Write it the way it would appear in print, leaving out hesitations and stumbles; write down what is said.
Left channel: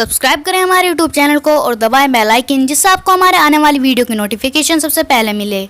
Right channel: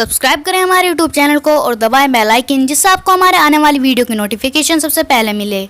Subscribe करें हमारे YouTube channel को और दबाएं बेल आइकन, जिससे आपको हमारे आने वाली वीडियो की नोटिफिकेशन सबसे पहले मिले।